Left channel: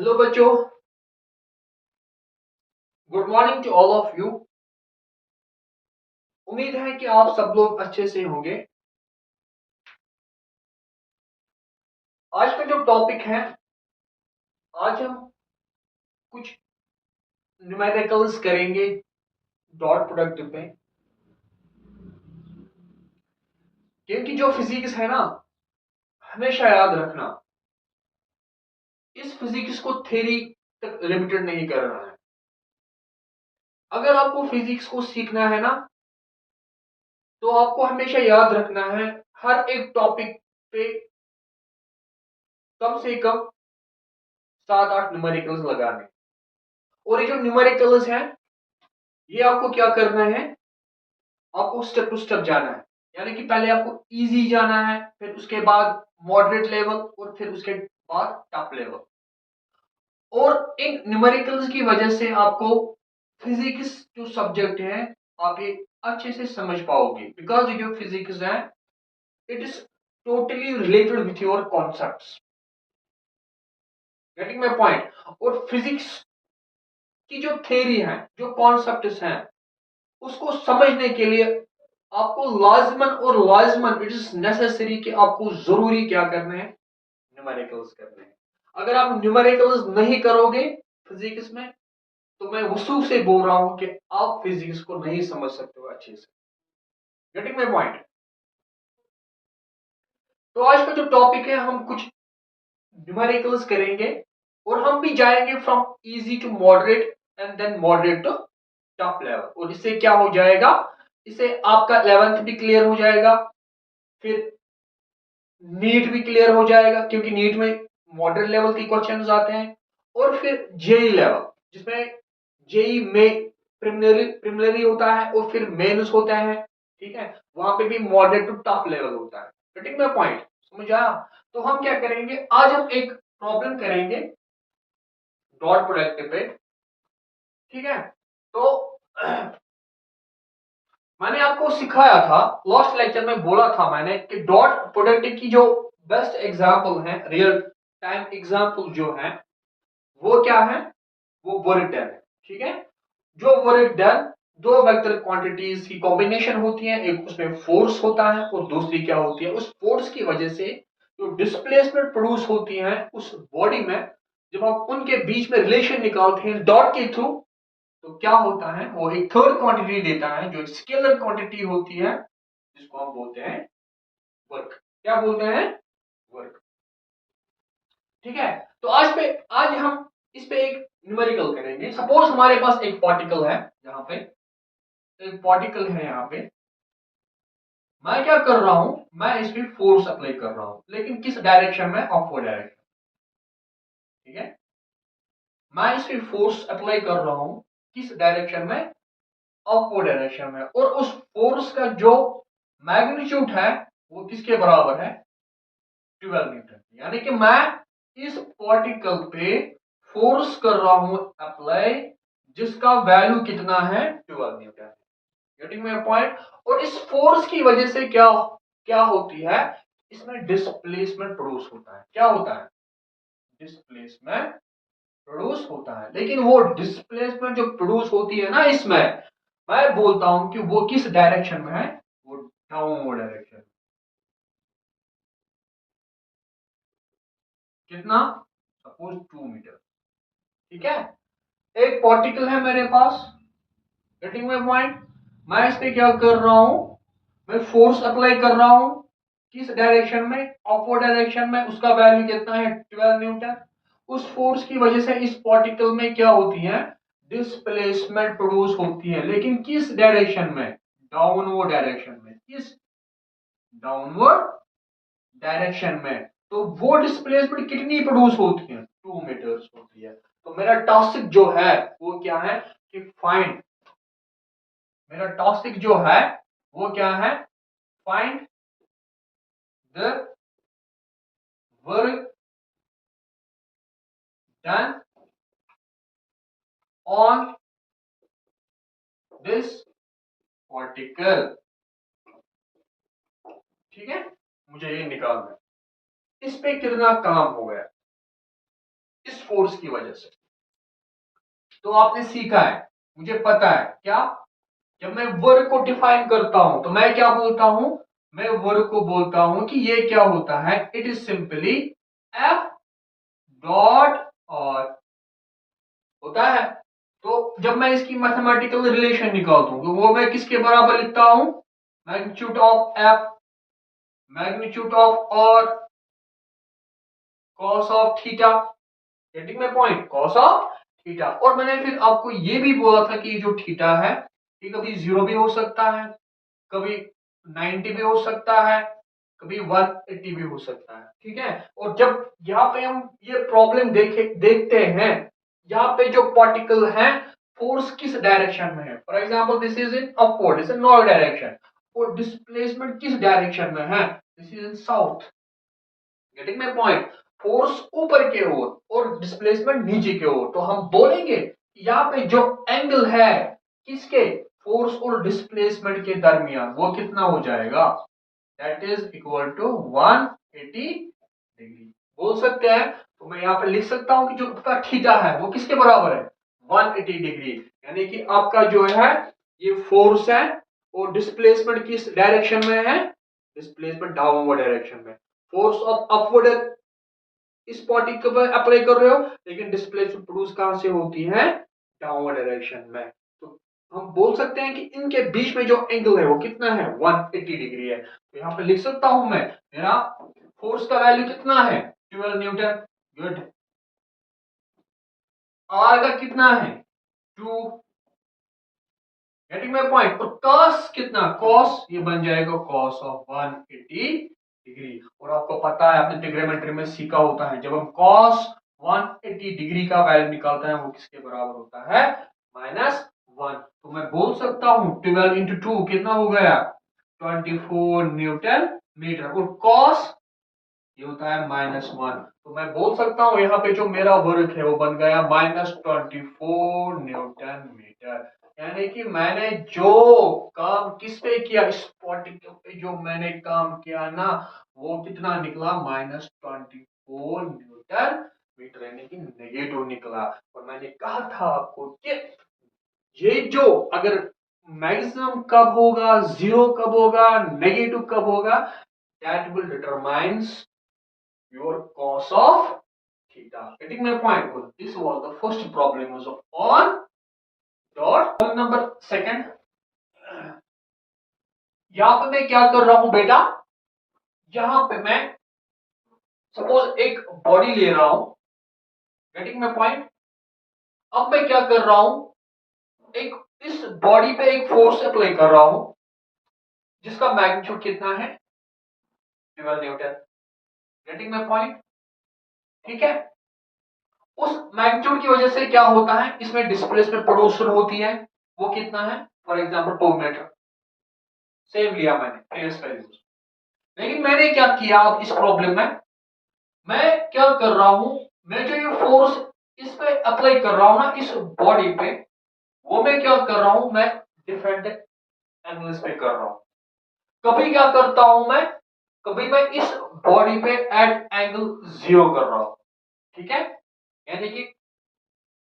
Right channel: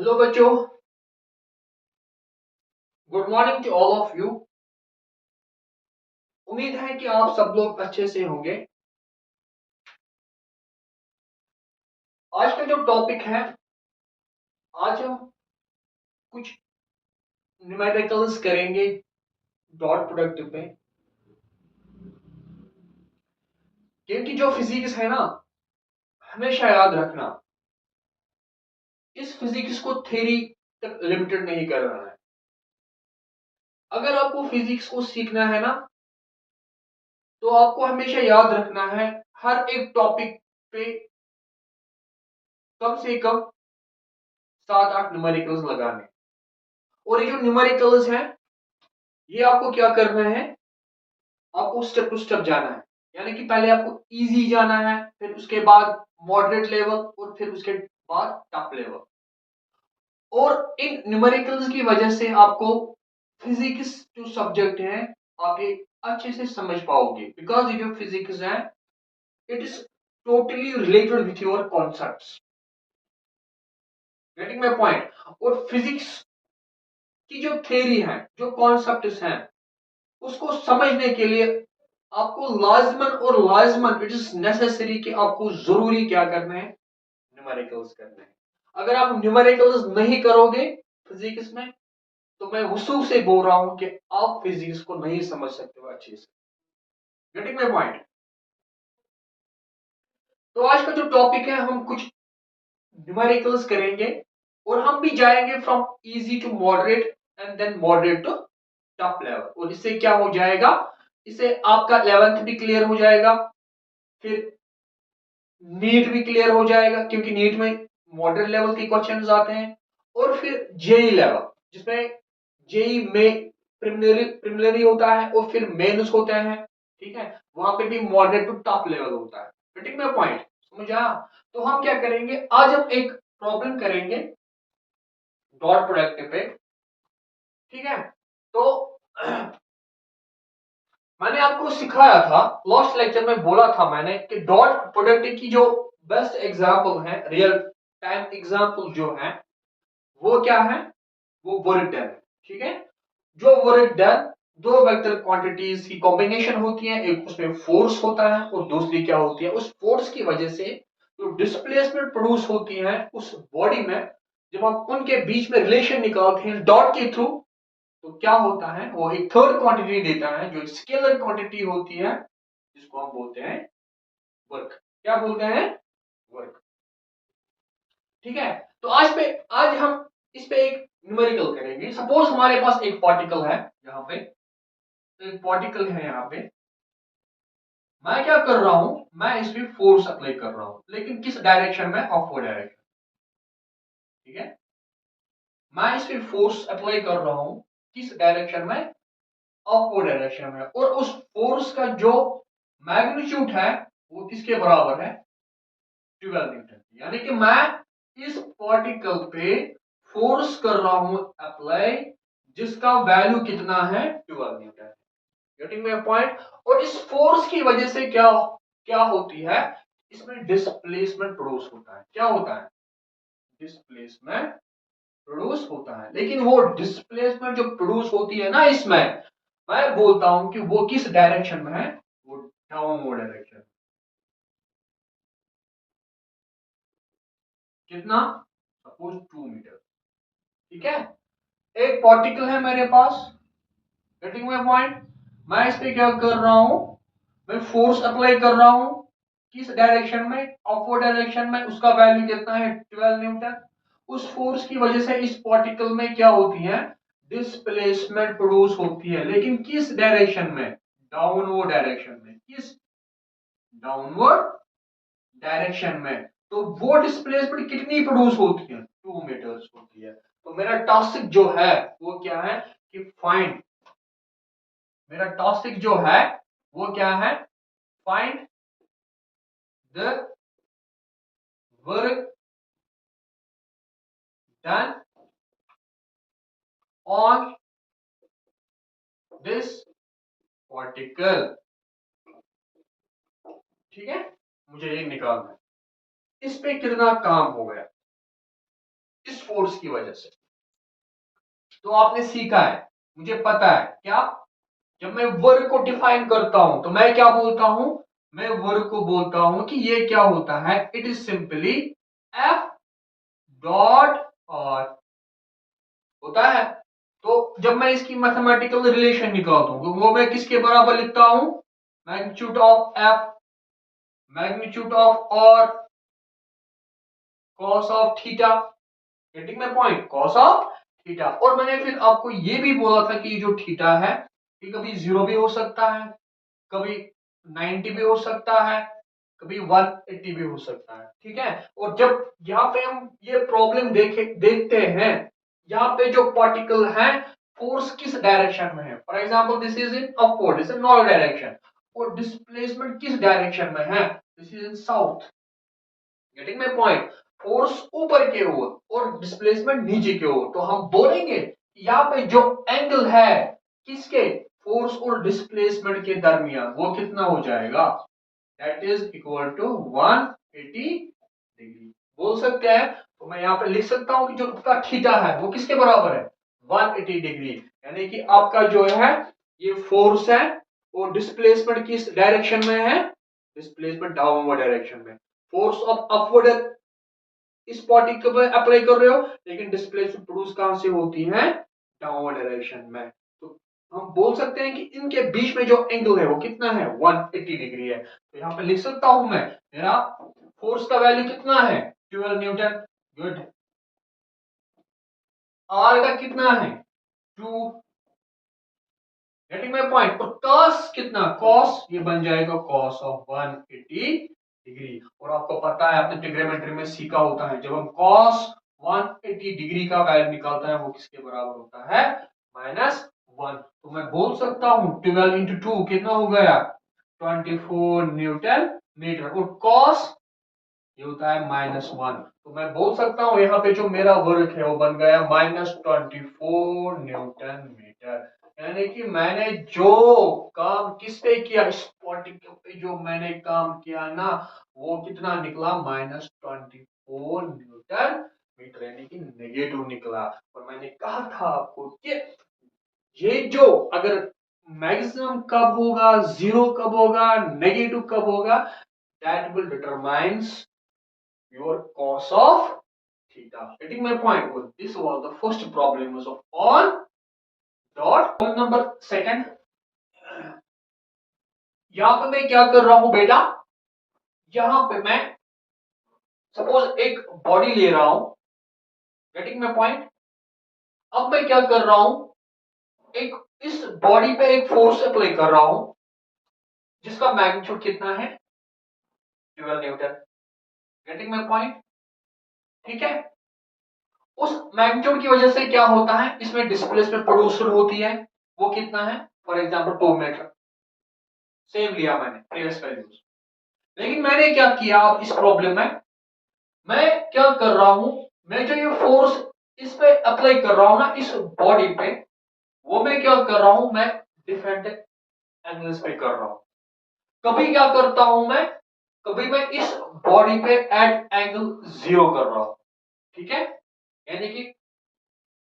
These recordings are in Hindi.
हेलो बच्चों, good morning to all of you. उम्मीद है कि आप सब लोग अच्छे से होंगे। आज का जो टॉपिक है, आज हम कुछ न्यूमेरिकल्स करेंगे डॉट प्रोडक्ट पे। क्योंकि जो फिजिक्स है ना, हमेशा याद रखना, इस फिजिक्स को थ्योरी तक लिमिटेड नहीं करना है। अगर आपको फिजिक्स को सीखना है ना, तो आपको हमेशा याद रखना है हर एक टॉपिक पे कम से कम 7-8 न्यूमेरिकल्स लगाने। और ये जो न्यूमेरिकल्स हैं, ये आपको क्या करना है, आपको स्टेप टू स्टेप जाना है। यानी कि पहले आपको इजी जाना है, फिर उसके बाद मॉडरेट लेवल, और फिर उसके बाद टफ लेवल। और इन न्यूमेरिकल्स की वजह से आपको फिजिक्स जो सब्जेक्ट है, आप ये अच्छे से समझ पाओगे। बिकॉज ये जो फिजिक्स है, it is totally related with your concepts. Getting my point. और फिजिक्स की जो थ्योरी है, जो कॉन्सेप्ट्स हैं, उसको समझने के लिए आपको लाजमन और लाजमन इट इज नेसेसरी कि आपको जरूरी क्या करना है, न्यूमेरिकल्स करने हैं। अगर आप न्यूमेरिकल्स नहीं करोगे फिजिक्स में, तो मैं वसूख से बोल रहा हूं कि आप फिजिक्स को नहीं समझ सकते हो अच्छे से। Getting my point. तो आज का जो टॉपिक है, हम कुछ न्यूमेरिकल्स करेंगे, और हम भी जाएंगे from easy to moderate and then moderate to top level. और इससे क्या हो जाएगा, इससे आपका 11th भी क्लियर हो जाएगा, फिर नीट भी क्लियर हो जाएगा, क्योंकि नीट में मॉडरेट लेवल के क्वेश्चंस आते हैं। और फिर जेई लेवल, जिसमें जेई में प्रिलिमिनरी होता है और फिर मेंस होता है। ठीक है, वहां पे भी मॉडरेट टू टॉप लेवल होता है। गेटिंग माय पॉइंट, समझ आया? तो हम क्या करेंगे, आज हम एक प्रॉब्लम करेंगे डॉट प्रोडक्ट पे। ठीक है, तो मैंने आपको सिखाया था, लास्ट लेक्चर में बोला था मैंने कि डॉट प्रोडक्ट की जो बेस्ट एग्जांपल है, रियल टाइम एग्जांपल जो है, वो क्या है, वो वर्क डन है। ठीक है, जो वर्क डन दो वेक्टर क्वांटिटीज की कॉम्बिनेशन होती है, एक उसमें फोर्स होता है और दूसरी क्या होती है, उस फोर्स की वजह से जो डिस्प्लेसमेंट प्रोड्यूस होती है उस बॉडी में, जब आप उनके बीच में रिलेशन निकालते हैं डॉट के थ्रू, तो क्या होता है, वो एक थर्ड क्वांटिटी देता है, जो एक स्केलर क्वांटिटी होती है, जिसको हम बोलते हैं वर्क। क्या बोलते हैं? वर्क। ठीक है, तो आज हम इस पे एक न्यूमेरिकल करेंगे। सपोज हमारे पास एक पार्टिकल है, यहाँ पे एक पार्टिकल है, यहाँ पे मैं क्या कर रहा हूं, मैं इस पे फोर्स अप्लाई कर रहा हूं, लेकिन किस डायरेक्शन में, अपवर्ड डायरेक्शन। ठीक है, मैं इस पे फोर्स अप्लाई कर रहा हूं, किस डायरेक्शन में, अपवर्ड डायरेक्शन में। और उस फोर्स का जो मैग्नीट्यूड है, वो किसके बराबर है, 12 न्यूटन। यानी कि मैं इस पार्टिकल पे फोर्स कर रहा हूं अप्लाई, जिसका वैल्यू कितना है, 12 न्यूटन। Getting my point. और इस फोर्स की वजह से क्या क्या होती है, इसमें डिस्प्लेसमेंट प्रोड्यूस होता है। क्या होता है, डिस्प्लेसमेंट प्रोड्यूस होता है। लेकिन वो डिस्प्लेसमेंट जो प्रोड्यूस होती है ना, इसमें मैं बोलता हूं कि वो किस डायरेक्शन में है, वो डाउनवर्ड डायरेक्शन। कितना, सपोज 2 मीटर। ठीक है, एक पार्टिकल है मेरे पास, गेटिंग माय पॉइंट। मैं इस पे क्या कर रहा हूं, मैं फोर्स अप्लाई कर रहा हूं, किस डायरेक्शन में, अपवर्ड डायरेक्शन में। उसका वैल्यू कितना है, 12 न्यूटन। उस फोर्स की वजह से इस पार्टिकल में क्या होती है, डिस्प्लेसमेंट प्रोड्यूस होती है, लेकिन किस डायरेक्शन में, डाउनवर्ड डायरेक्शन में। किस, डाउनवर्ड डायरेक्शन में। तो वो डिस्प्लेसमेंट कितनी प्रोड्यूस होती है, 2 मीटर्स होती है। तो मेरा टास्क जो है वो क्या है, कि फाइंड, मेरा टॉपिक जो है वो क्या है, find the work done on this particle. ठीक है, मुझे ये निकालना है, इस पे कितना काम हो गया। इस फोर्स की वजह से। तो आपने सीखा है, मुझे पता है क्या, जब मैं वर्क को डिफाइन करता हूं तो मैं क्या बोलता हूं, मैं वर्क को बोलता हूं कि ये क्या होता है, it is simply F dot और होता है। तो जब मैं इसकी मैथमेटिकल रिलेशन निकालता हूं तो वो मैं किसके बराबर लिखता हूं, magnitude of F magnitude of और cos of theta, getting my point, cos of theta. और मैंने फिर आपको ये भी बोला था कि जो थीटा है ये कभी 0 भी हो सकता है, कभी 90 भी हो सकता है, कभी 180 भी हो सकता है, ठीक है। और जब यहाँ पे हम ये प्रॉब्लम देखते हैं, यहाँ पे जो पार्टिकल है फोर्स किस डायरेक्शन में है, for example this is in upward, this is north direction, और डिस्प्लेसमेंट किस डायरेक्शन में है, this is in south, getting my point. Force ऊपर के ओर और डिस्प्लेसमेंट नीचे के ओर, तो हम बोलेंगे यहाँ पे जो एंगल है किसके, फोर्स और डिस्प्लेसमेंट के दरमियान, वो कितना हो जाएगा, that is equal to 180 degree बोल सकते हैं। तो मैं यहाँ पे लिख सकता हूं कि जो आपका थीटा है वो किसके बराबर है, 180 डिग्री, यानी कि आपका जो है ये फोर्स है और डिस्प्लेसमेंट किस डायरेक्शन में है, डिस्प्लेसमेंट डाउनवर्ड डायरेक्शन में। फोर्स ऑफ अपवर्ड इस पार्टिकल पे अप्लाई कर रहे हो, लेकिन डिस्प्लेसमेंट प्रोड्यूस कहां से होती है, डाउनवर्ड डायरेक्शन में। तो हम बोल सकते हैं कि इनके बीच में जो एंगल है वो कितना है, 180 डिग्री है। तो यहां पे लिख सकता हूं मैं, मेरा फोर्स का वैल्यू कितना है, 12 न्यूटन, गुड। आर का कितना है, 2, गेटिंग माय पॉइंट। और कॉस कितना, कॉस ये बन जाएगा कॉस ऑफ 180 डिग्री। और आपको पता है आपने ट्रिग्नोमेट्री में सीखा होता है, जब हम कॉस 180 डिग्री का वैल्यू निकालते हैं वो किसके बराबर होता है, -1। तो मैं बोल सकता हूं 12 इंटू 2 कितना हो गया, 24 न्यूटन मीटर, और कॉस ये होता है -1। तो मैं बोल सकता हूं यहाँ पे जो मेरा वर्क है वो बन गया -24 न्यूटन मीटर। यानी कि मैंने जो काम किस पे किया, इस पार्टिकल पे जो मैंने काम किया ना, वो कितना निकला, -24 न्यूटन मीटर, यानी कि नेगेटिव निकला। और मैंने कहा था आपको कि ये जो अगर मैक्सिमम कब होगा, जीरो कब होगा, नेगेटिव कब होगा, that will determines your cos of theta. Getting my point? Well, this was the first problem was on dot. Problem number second. यहां पे मैं क्या कर रहा हूं बेटा, यहां पे मैं सपोज एक बॉडी ले रहा हूं, गेटिंग माय पॉइंट। अब मैं क्या कर रहा हूं, एक इस बॉडी पे एक फोर्स अप्लाई कर रहा हूं जिसका मैग्नीट्यूड कितना है, 12 न्यूटन, गेटिंग माय पॉइंट, ठीक है। उस मैग्नीट्यूड की वजह से क्या होता है, इसमें डिस्प्लेसमेंट प्रोड्यूस होती है, वो कितना है, फॉर एग्जांपल 2 मीटर, सेम लिया मैंने प्रीवियस वैल्यूज। लेकिन मैंने क्या किया, अब इस प्रॉब्लम में मैं क्या कर रहा हूं, मैं जो ये फोर्स इस पे अप्लाई कर रहा हूं ना, इस बॉडी पे, वो मैं क्या कर रहा हूं, मैं डिफरेंट एंगल्स पे कर रहा हूं। कभी क्या करता हूं मैं, कभी मैं इस बॉडी पे एट एंगल 0 कर रहा हूं, ठीक है। यानी कि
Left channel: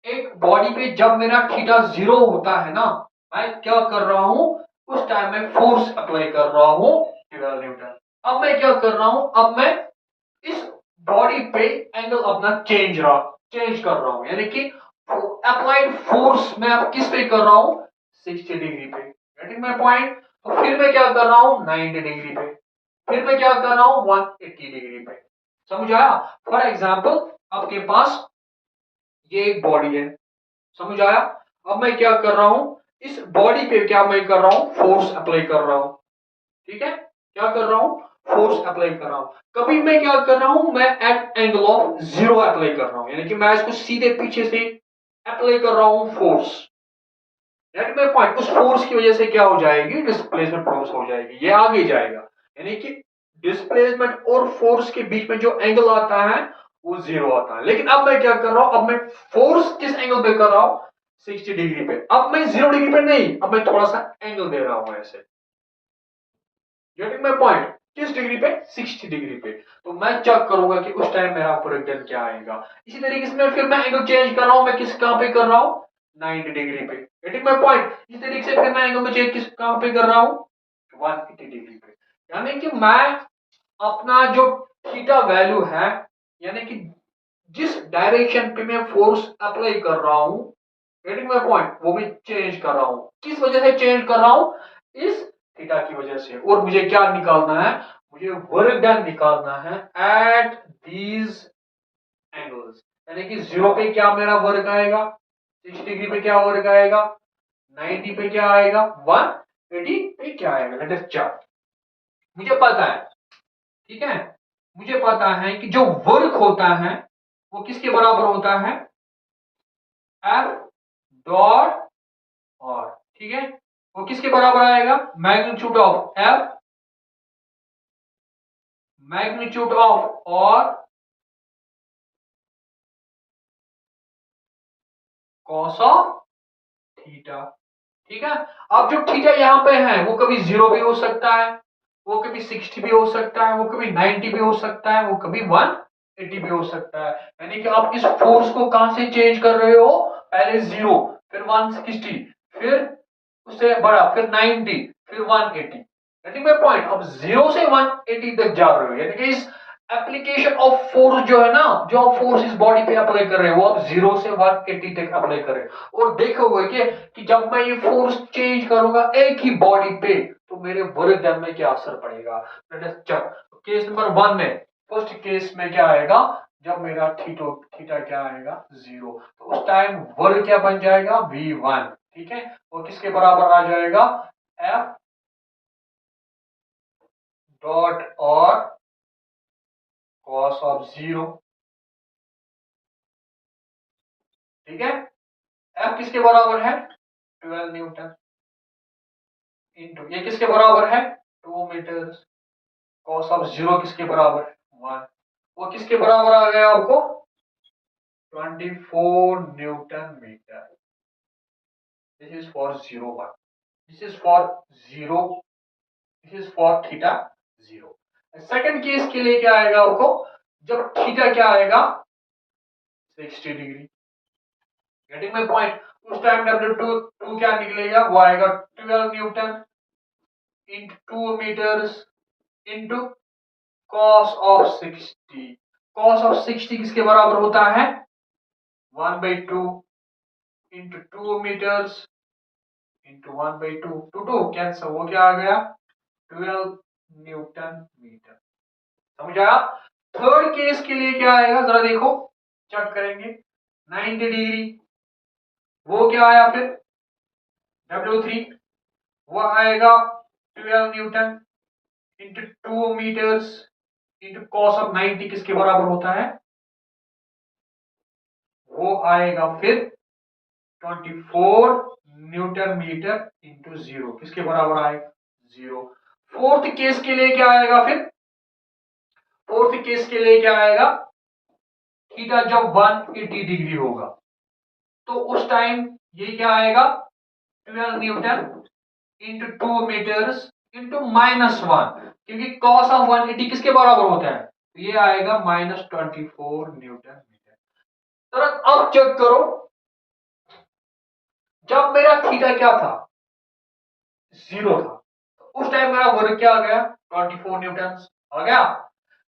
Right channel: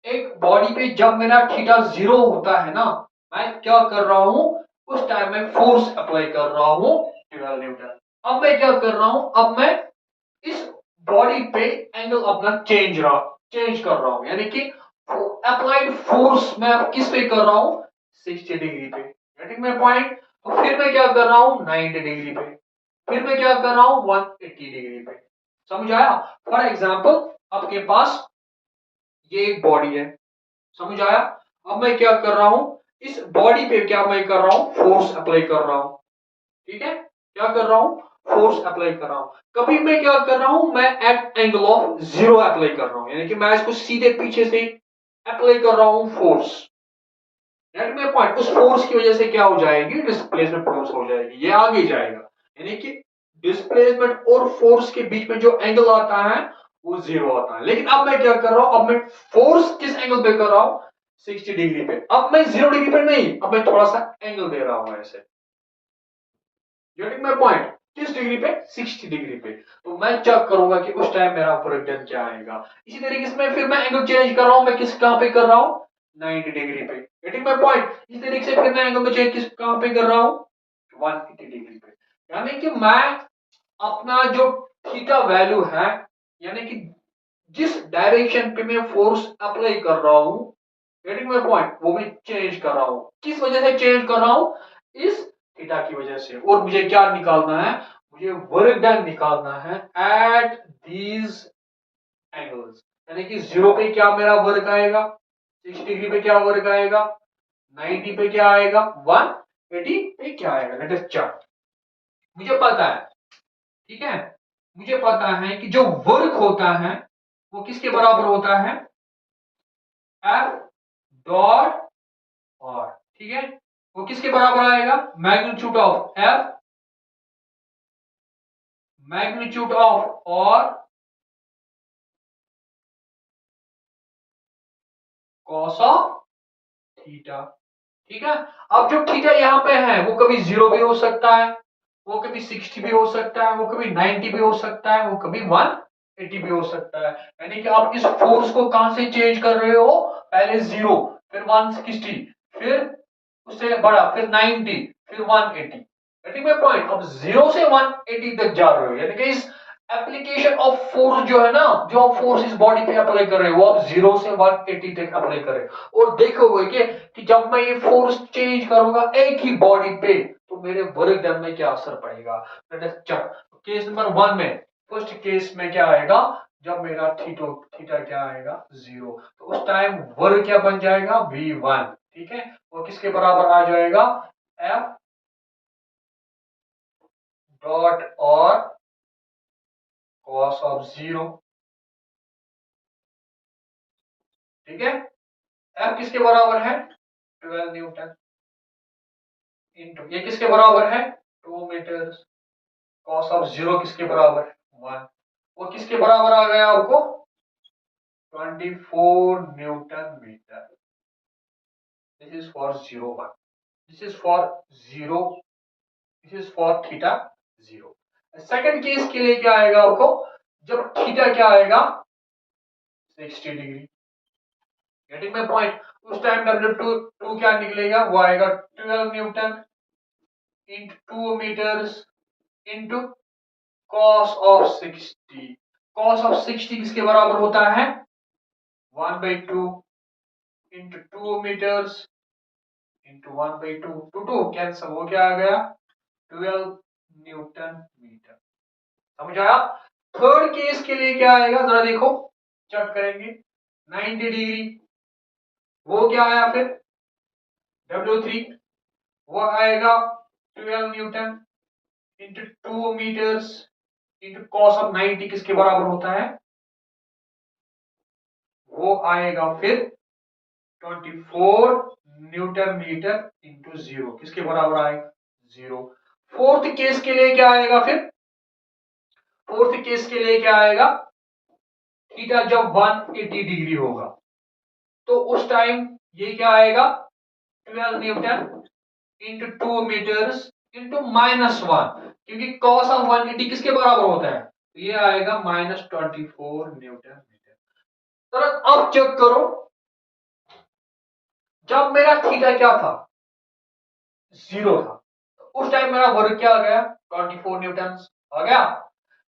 एक बॉडी पे जब मेरा थीटा 0 होता है ना, मैं क्या कर रहा हूं, उस टाइम में फोर्स अप्लाई कर रहा हूं 12 न्यूटन। अब मैं क्या कर रहा हूं, अब मैं इस बॉडी पे एंगल अपना चेंज कर रहा हूं, यानी कि अप्लाइड फोर्स मैं अब किस पे कर रहा हूं, 60 डिग्री पे, गेटिंग माय पॉइंट। तो फिर मैं क्या कर रहा हूं, 90 डिग्री पे, फिर मैं क्या कर रहा हूं, 180 डिग्री पे, समझ आया। फॉर एग्जांपल आपके पास ये एक बॉडी है, समझ आया। अब मैं क्या कर रहा हूं, इस बॉडी पे क्या मैं कर रहा हूं, फोर्स अप्लाई कर रहा हूं, ठीक है। क्या कर रहा हूं, फोर्स अप्लाई कर रहा हूं। कभी मैं क्या कर रहा हूं, मैं एट एंगल ऑफ 0 अप्लाई कर रहा हूं, यानी कि मैं इसको सीधे पीछे से अप्लाई कर रहा हूं फोर्स, गेट माय पॉइंट। उस फोर्स की वजह से क्या हो जाएगी, डिस्प्लेसमेंट प्रोड्यूस हो जाएगी, ये आगे जाएगा, यानी कि डिस्प्लेसमेंट और फोर्स के बीच में जो एंगल आता है वो 0 आता है। लेकिन अब मैं क्या कर रहा हूं, अब मैं फोर्स किस एंगल पे कर रहा हूं, 60 डिग्री पे। अब मैं 0 डिग्री पे नहीं, अब मैं थोड़ा सा एंगल दे रहा हूं ऐसे, गेटिंग माय पॉइंट। किस डिग्री पे? 60 डिग्री पे। तो मैं चेक करूंगा कि उस टाइम मेरा वर्क डन क्या आएगा। इसी तरीके से मैं फिर मैं एंगल चेंज कर रहा हूं, मैं किस कहां पे कर रहा हूं? 90 डिग्री पे। Getting my point? इसी तरीके से फिर मैं एंगल में चेंज किस कहां पे कर रहा हूं? 180 डिग्री पे। यानी कि मैं अपना जो थीटा वैल्यू है, यानी कि जिस डायरेक्शन पे मैं फोर्स अप्लाई कर रहा हूं, गेटिंग माय पॉइंट, वो मैं चेंज कर रहा हूं। किस वजह से चेंज कर रहा हूं? इस थीटा की वजह से। और मुझे क्या निकालना है? मुझे वर्क डन निकालना है एट दीज एंगल्स। यानी कि 0 पे क्या मेरा वर्क आएगा, 60 डिग्री पे क्या वर्क आएगा, 90 पे क्या आएगा, 180 पे क्या आएगा। Let us check. मुझे पता है, ठीक है, मुझे पता है कि जो वर्क होता है वो किसके बराबर होता है? एफ डॉट और, ठीक है, वो किसके बराबर आएगा? Magnitude of F, magnitude of और कॉस ऑफ थीटा। ठीक है। अब जो थीटा यहां पे है वो कभी 0 भी हो सकता है, वो कभी 60 भी हो सकता है, वो कभी 90 भी हो सकता है, वो कभी 180 भी हो सकता है। यानी कि आप इस फोर्स को कहां से चेंज कर रहे हो? पहले 0, फिर 160, फिर उससे बड़ा, फिर 90, फिर 180। Getting my point? अब 0 से 180 तक जा रहे हो, यानी कि इस एप्लीकेशन ऑफ फोर्स जो है ना, जो आप फोर्स इस बॉडी पे अप्लाई कर रहे हो, वो आप 0 से 180 तक अप्लाई कर रहे हो। और देखोगे कि जब मैं ये फोर्स चेंज करूंगा एक ही बॉडी पे, तो मेरे वर्क डन में क्या असर पड़ेगा। केस नंबर 1 में, फर्स्ट केस में क्या आएगा? जब मेरा थीटा क्या आएगा? 0। तो उस टाइम वर्क क्या बन जाएगा? V1। ठीक है, वो किसके बराबर आ जाएगा? एफ डॉट और कॉस ऑफ 0। ठीक है, एफ किसके बराबर है? 12 न्यूटन इंटू, ये किसके बराबर है? 2 मीटर। कॉस ऑफ 0 किसके बराबर है? 1। वो किसके बराबर आ गया आपको? 24 newton metre. This is for 0 1, this is for 0, this is for theta 0। Second case के लिए क्या आएगा आपको? जब थीटा क्या आएगा? 60 डिग्री। Getting my point? उस टाइम W2 2 क्या निकलेगा? वो आएगा 12 newton into 2 metres into cos of 60। cos of 60 किसके बराबर होता है? 1/2 इंटू 2 मीटर्स इंटू 1/2, 2 कैंसिल, वो क्या आ गया? 12 न्यूटन मीटर। समझ आया? थर्ड केस के लिए क्या आएगा जरा देखो, चेक करेंगे। 90 डिग्री, वो क्या आया फिर? W3, वो आएगा 12 newton into 2 metres into cos of 90 किसके बराबर होता है? वो आएगा फिर 24 न्यूटन मीटर इंटू 0 किसके बराबर आएगा? 0। फोर्थ केस के लिए क्या आएगा फिर? फोर्थ केस के लिए क्या आएगा? थीटा जब 180 डिग्री होगा, तो उस टाइम ये क्या आएगा? 12 न्यूटन इंटू 2 मीटर्स इंटू -1, क्योंकि कॉस ऑफ 180 किसके बराबर होता है? तो ये आएगा -24 न्यूटन मीटर। तुरंत अब चेक करो, जब मेरा थीटा क्या था? 0 था, तो उस टाइम मेरा वर्क क्या आ गया? 24 न्यूटन आ गया।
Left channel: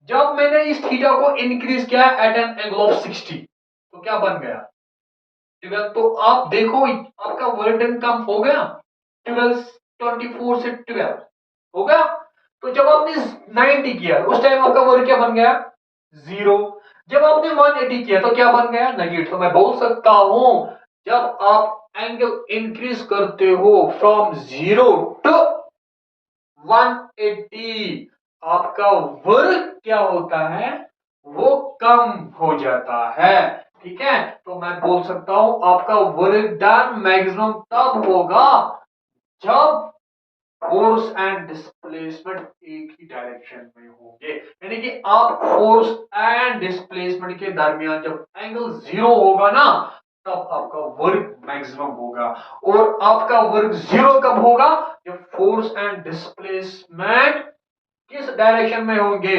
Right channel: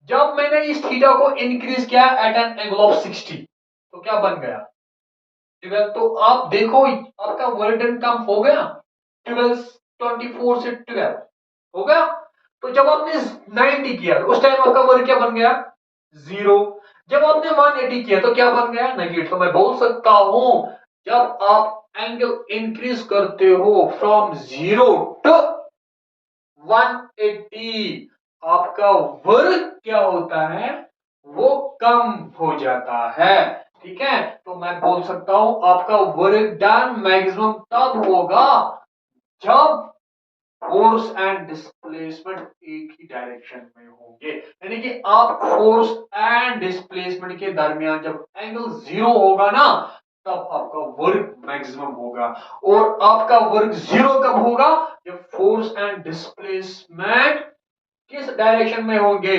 जब मैंने इस थीटा को इंक्रीज किया एट एन एंगल ऑफ 60, तो क्या बन गया? 12। तो आप देखो आपका वर्क डन कम हो गया। 12, 24 से 12 हो गया। तो जब आपने 90 किया उस टाइम आपका वर्क क्या बन गया? 0। जब आपने 180 किया तो क्या बन गया? नेगेटिव। तो मैं बोल सकता हूं, जब आप एंगल इंक्रीज करते हो फ्रॉम 0 टू 180, आपका वर्क क्या होता है? वो कम हो जाता है। ठीक है, तो मैं बोल सकता हूं आपका वर्क डन मैक्सिमम तब होगा जब फोर्स एंड डिस्प्लेसमेंट एक ही डायरेक्शन में होंगे। यानी कि आप फोर्स एंड डिस्प्लेसमेंट के दरमियान जब एंगल 0 होगा ना, तब आपका वर्क मैक्सिमम होगा। और आपका वर्क 0 कब होगा? जब फोर्स एंड डिस्प्लेसमेंट किस डायरेक्शन में होंगे,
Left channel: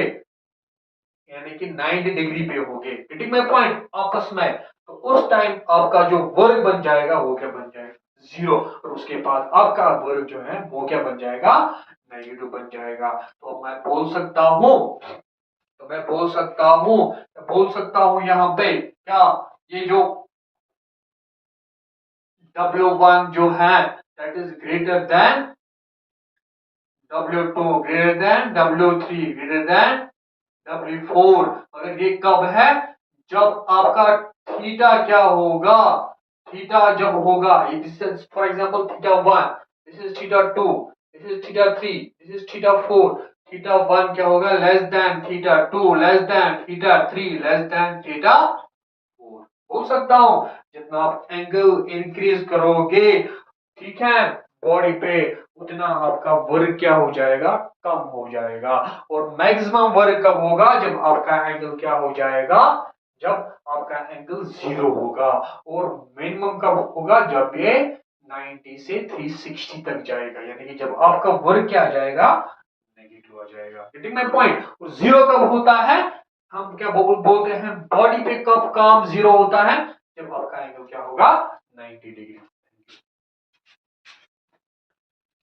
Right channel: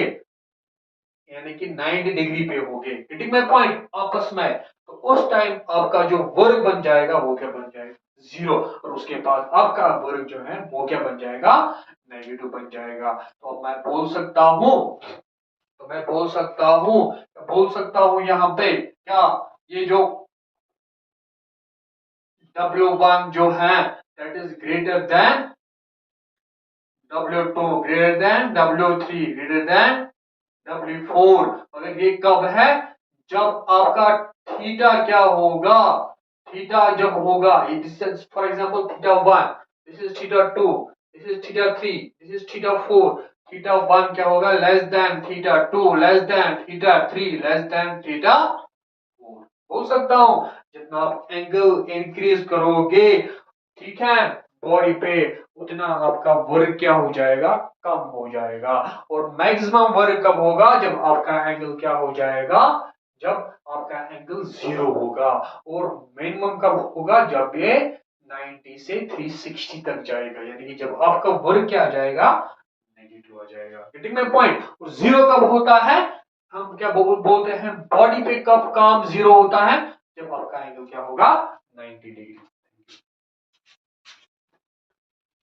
यानी कि 90 डिग्री पे होंगे, गेटिंग माय पॉइंट, आपस में। तो उस टाइम आपका जो वर्क बन जाएगा वो क्या बन जाएगा, जीरो। और उसके बाद आपका वर्क जो है वो क्या बन जाएगा, नेगेटिव बन जाएगा। तो मैं बोल सकता हूं, बोल सकता हूं यहाँ पे क्या, ये जो W1 जो है that is greater than W2, greater than W3, greater than W4। मगर ये कब है, जब आपका थीटा क्या होगा, थीटा जब होगा, this is for example theta 1, this is theta 2, this is theta 3, this is theta 4। Theta 1 क्या होगा, less than theta 2, less than theta 3, less than theta 4। बोल सकता हूं जितना आप एंगल इंक्रीज करोगे, ठीक है, बॉडी पे, उतना आपका वर्क क्या हो जाएगा, कम हो जाएगा। और मैक्सिमम वर्क कब होगा, जब आपका एंगल क्या हो जाएगा, जब आपका एंगल जीरो होगा। और मिनिमम कब होगा, जब ये 90 से 360 तक जाएगा, यानी कि जब आपका वर्क क्या आ जाएगा, नेगेटिव आ जाएगा। Getting my point. और जीरो कब होता है, हम क्या बोलते हैं, बॉडी पे कब काम जीरो होता है, जब आपका एंगल क्या होगा, 90 डिग्री।